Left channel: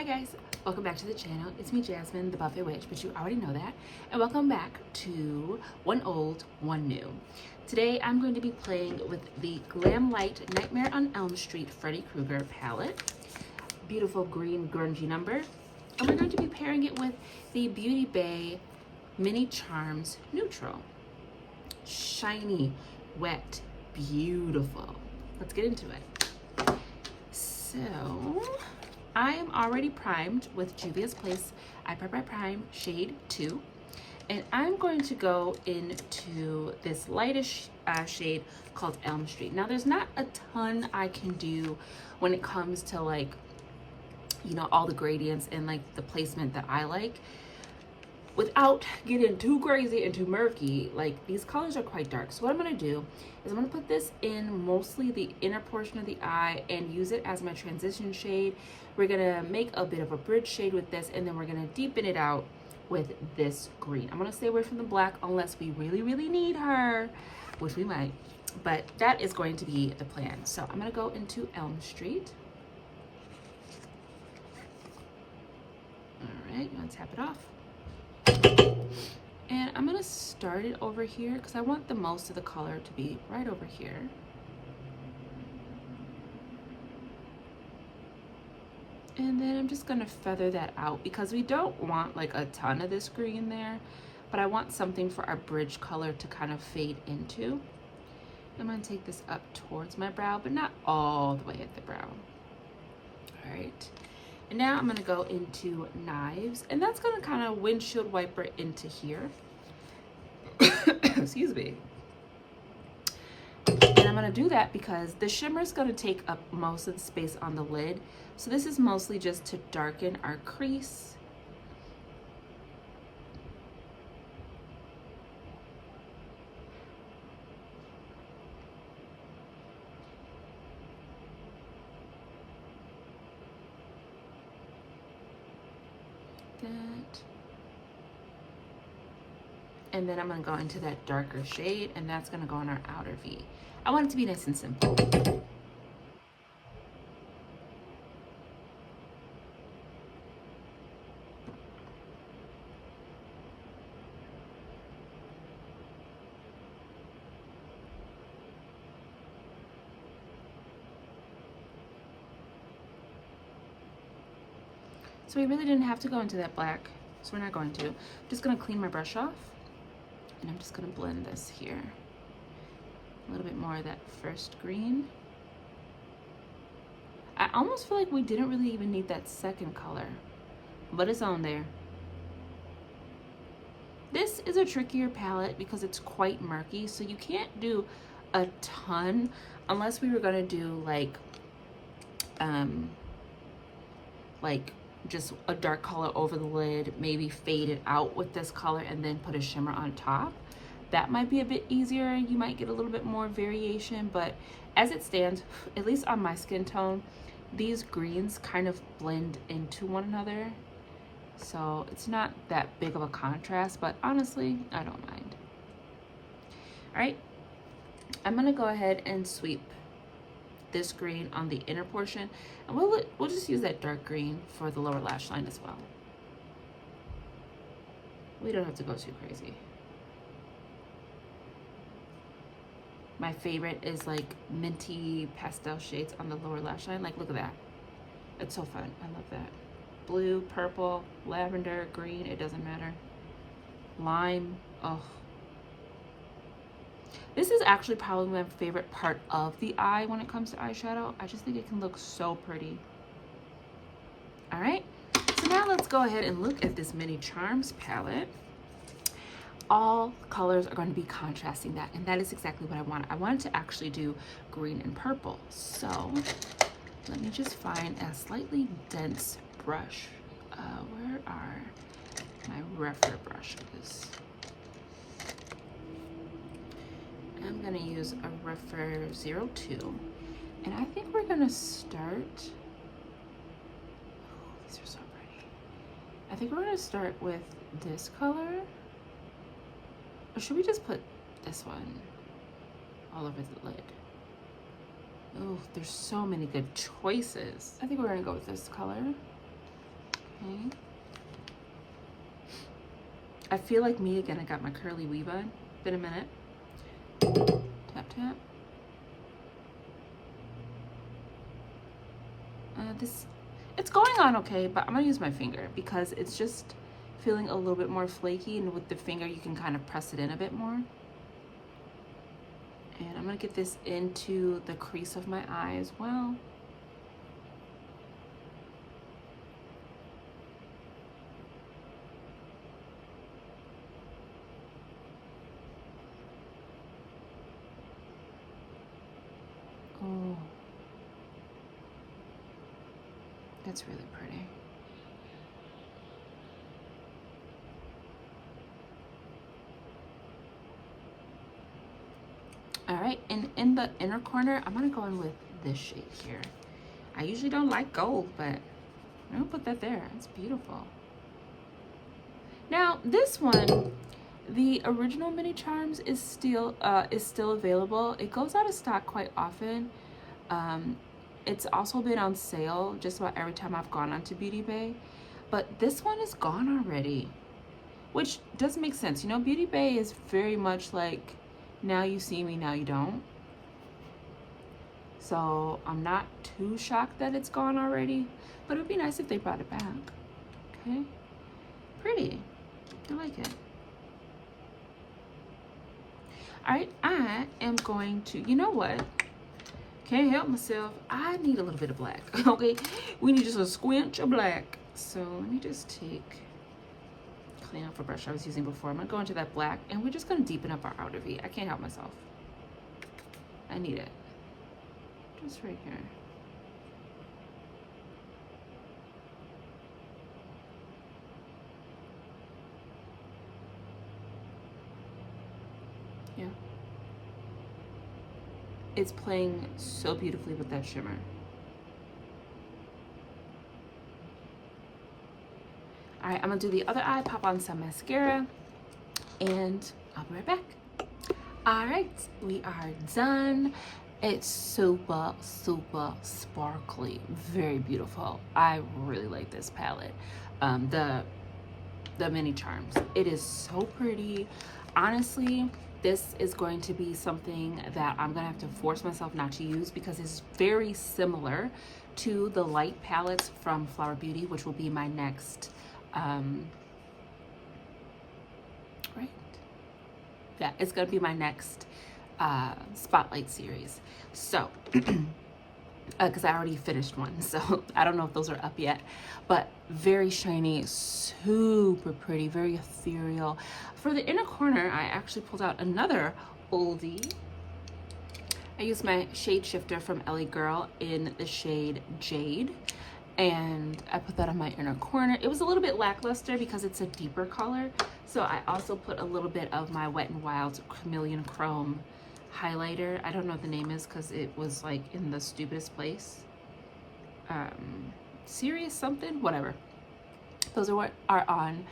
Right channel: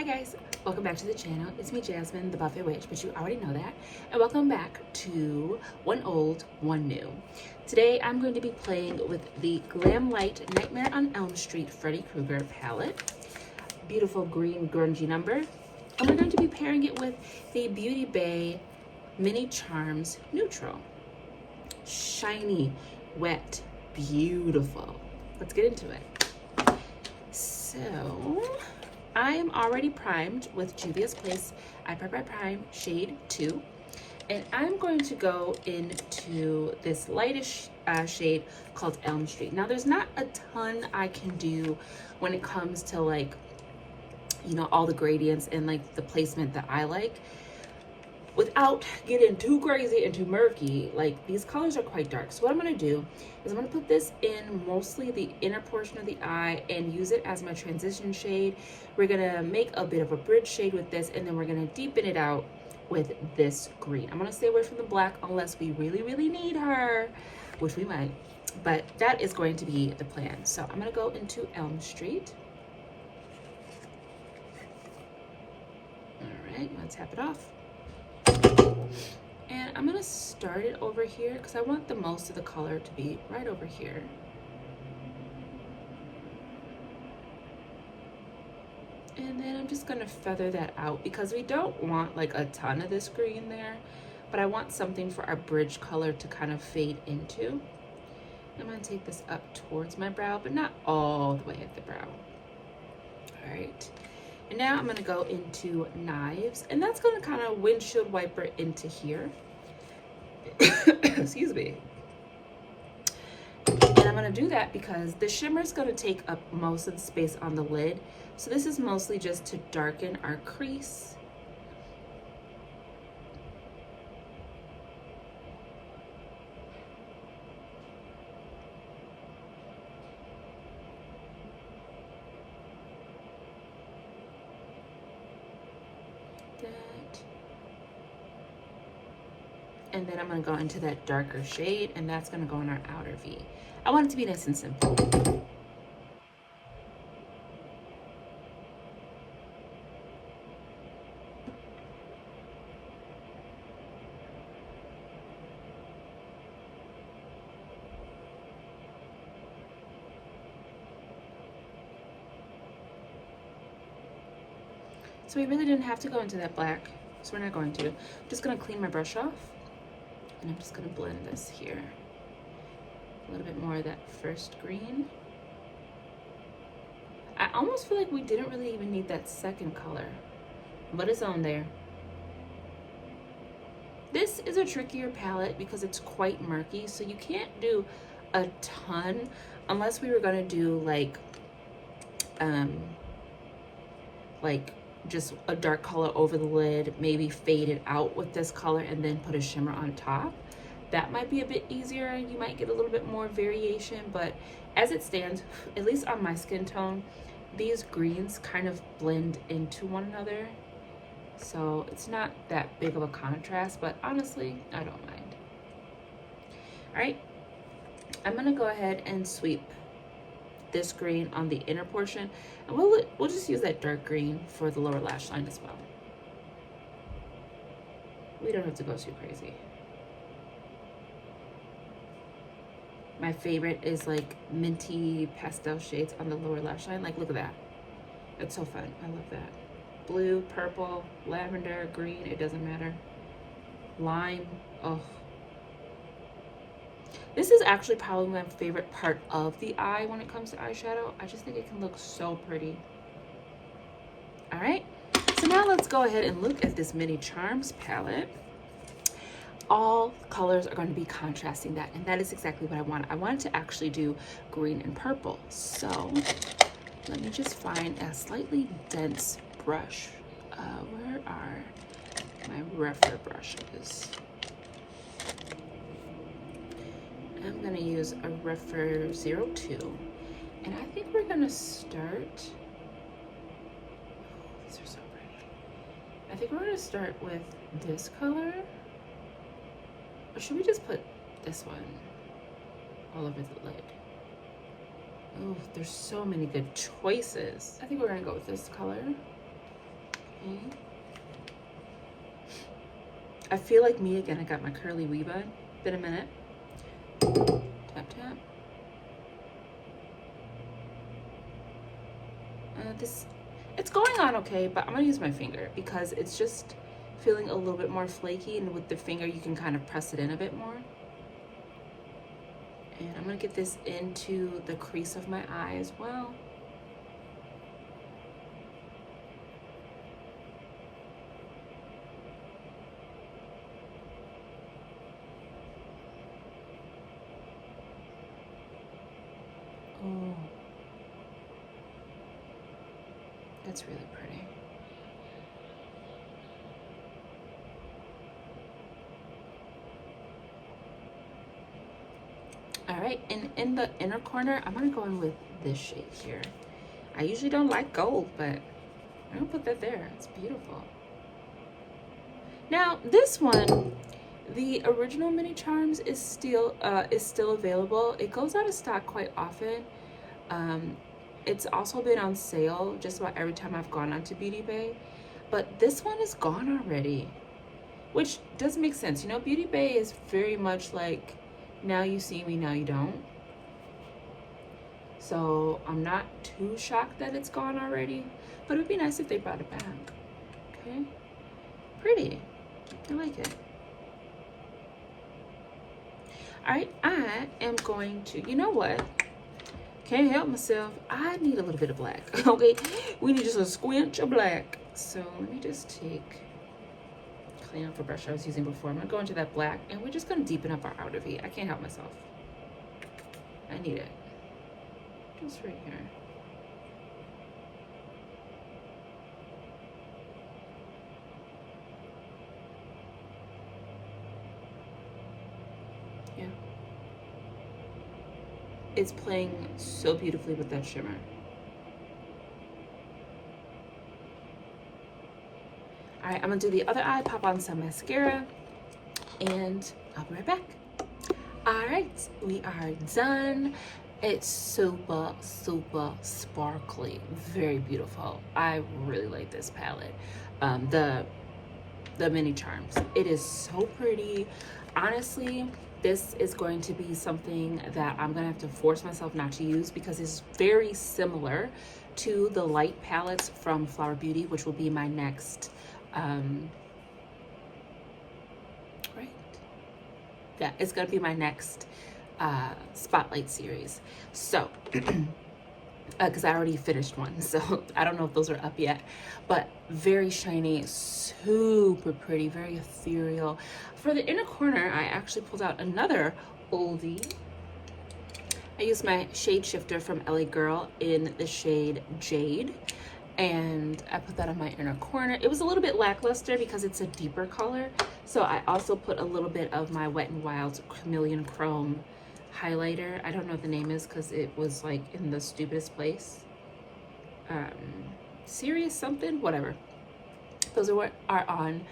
Hi guys, welcome back to the channel. It's me, Jasmine, the Buffet Witch, but you already know that. And welcome back to One Old, One New. Today I'm going to be playing with the Glamlite Nightmare on Elm Street Freddy Krueger palette. Beautiful green grungy number. And we're going to be pairing it with the Beauty Bay Mini Charms Neutral. Shiny, wet, beautiful. Let's get into it. So, I am already primed with Juvia's Place I Prime Shade 2. And I'm going to go into this lightish shade called Elm Street. Now, there's not a ton I can do when it comes to like, you know, all the gradients and like the placement that I like. Without getting too crazy and too murky, like these colors are quite dark. So what I'm gonna do is I'm gonna put this in mostly the inner portion of the eye and use it as my transition shade. We're gonna make a bit of a bridge shade with this, and then we're gonna deepen it out with this green. I'm gonna stay away from the black unless we really need her, which we might, but that is going to be the plan. So I'm gonna go into Elm Street. All right, you wanna tap it off. And I'm gonna start it over here because I want the most of the color to be right over here. And then I'm just gonna feather that out because we don't want like a ton of this green there, but I want something for our bridge color to kind of fade into. I'm gonna take this up towards my brow, but not all the way at the brow. All right. And now I'm gonna go into Knives, and that's gonna kind of windshield wiper into here. Excuse me. And I'm gonna do that because the shimmer is gonna take up most of the space on the lid. So this is mostly just to darken our crease. And then I'm gonna go into that darker shade, and that's gonna go on our outer V. I want it to be nice and simple. So we really didn't have to go into that black, so we're not going to. I'm just gonna clean my brush off, and I'm just gonna blend this here. A little bit more of that first green. I almost feel like we didn't really even need that second color, but it's on there. This is a trickier palette because it's quite murky, so you can't do a ton unless we were gonna do like just a dark color over the lid, maybe fade it out with this color and then put a shimmer on top. That might be a bit easier. You might get a little bit more variation, but as it stands, at least on my skin tone, these greens kind of blend into one another. So it's not that big of a contrast, but honestly, I don't mind. All right, I'm gonna go ahead and sweep this green on the inner portion, and we'll just use that dark green for the lower lash line as well. We don't have to go too crazy. My favorite is like minty pastel shades on the lower lash line. Like, look at that. It's so fun. I love that. Blue, purple, lavender, green, it doesn't matter. Lime, oh. This is actually probably my favorite part of the eye when it comes to eyeshadow. I just think it can look so pretty. All right, so now let's go ahead and look at this Mini Charms palette. All colors are going to be contrasting that, and that is exactly what I want. I wanted to actually do green and purple. So let me just find a slightly dense brush. Where are my refer brushes? I'm gonna use a Refer 02, and I think we're gonna start, oh, these are so pretty. I think we're gonna start with this color, or should we just put this one all over the lid? Oh, there's so many good choices. I think we're gonna go with this color. Okay. I feel like me again. I got my curly wee bun. Been a minute. Tap, tap. It's going on okay, but I'm gonna use my finger because it's just feeling a little bit more flaky, and with the finger you can kind of press it in a bit more. And I'm gonna get this into the crease of my eye as well. Oh, that's really pretty. All right, and in the inner corner, I'm gonna go in with this shade here. I usually don't like gold, but I'm gonna put that there. It's beautiful. Now, this one, the original Mini Charms is still available. It goes out of stock quite often. It's also been on sale just about every time I've gone onto Beauty Bay, but this one is gone already, which doesn't make sense. You know, Beauty Bay is very much like, now you see me, now you don't. So I'm not too shocked that it's gone already, but it'd be nice if they brought it back. Okay, pretty. I like it. All right, I am going to, you know what? Can't help myself. I need a little bit of black. Okay, we need just a squinch of black. So let me just clean off a brush I was using before. I'm gonna go into that black, and we're just gonna deepen up our outer V. I can't help myself. I need it. Just right here. Yeah. It's playing so beautifully with that shimmer. All right, I'm gonna do the other eye, pop on some mascara, and I'll be right back. All right, we are done. It's super, super sparkly, very beautiful. I really like this palette. The Mini Charms. It is so pretty. Honestly, this is going to be something that I'm gonna have to force myself not to use because it's very similar to the light palettes from Flower Beauty, which will be my next, right? Yeah, it's gonna be my next Spotlight series. So, because I already finished one, so I don't know if those are up yet, but very shiny, super pretty, very ethereal. For the inner corner, I actually pulled out another oldie. I used my shade shifter from LA Girl in the shade Jade, and I put that on my inner corner. It was a little bit lackluster because it's a deeper color, so I also put a little bit of my Wet n Wild Chameleon Chrome highlighter. I don't know what the name is because it was like in the stupidest place. Serious something, whatever. Those are what are on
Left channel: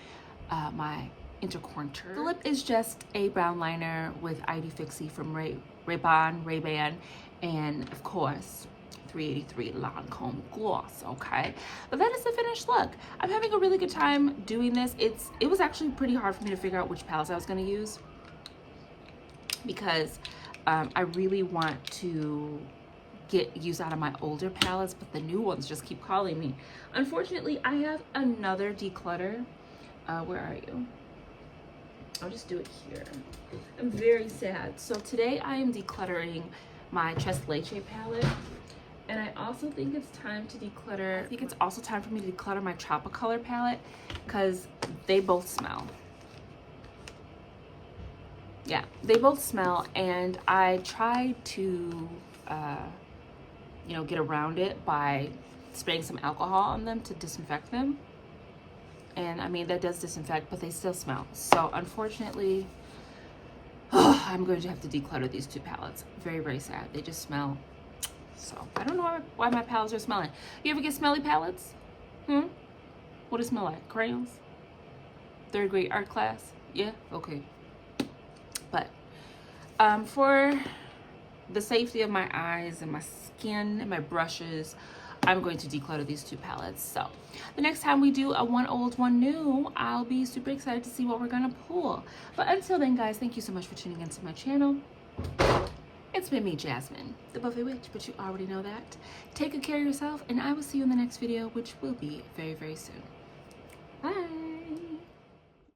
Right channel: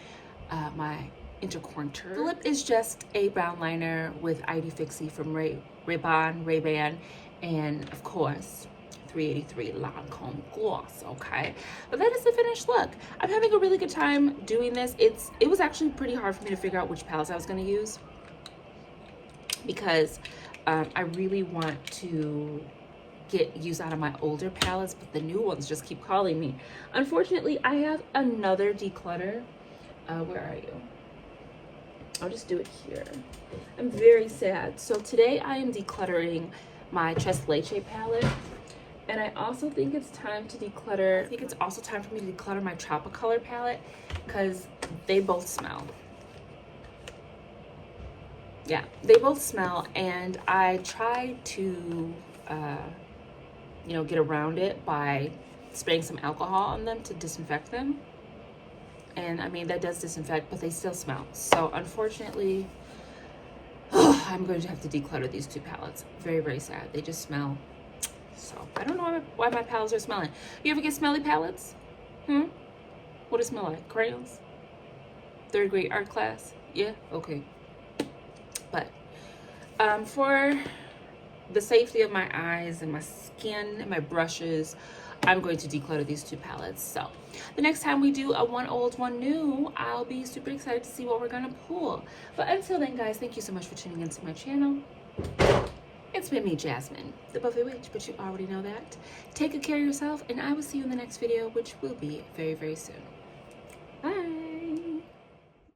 my intercorner. The lip is just a brown liner with ID Fixie from Ray-Ban, and of course 383 Lancome gloss. Okay, but that is the finished look. I'm having a really good time doing this. It was actually pretty hard for me to figure out which palettes I was going to use because I really want to get use out of my older palettes, but the new ones just keep calling me. Unfortunately, I have another declutter. Where are you? I'll just do it here. I'm very sad. So today I am decluttering my Tres Leche palette, and I also think it's time to declutter. I think it's also time for me to declutter my Tropicolor palette because they both smell. Yeah, they both smell, and I tried to you know, get around it by spraying some alcohol on them to disinfect them. And I mean, that does disinfect, but they still smell. So unfortunately, I'm going to have to declutter these two palettes. Very, very sad. They just smell. So I don't know why my palettes are smelling. You ever get smelly palettes? What does it smell like? Crayons? Third grade art class? Yeah? Okay. But for the safety of my eyes and my skin and my brushes, I'm going to declutter these two palettes. So the next time we do a one old, one new, I'll be super excited to see what we're gonna pull. But until then, guys, thank you so much for tuning into my channel. It's been me, Jasmine, the Buffet Witch, but you already know that. Take good care of yourself, and I will see you in the next video, which will be very, very soon. Bye.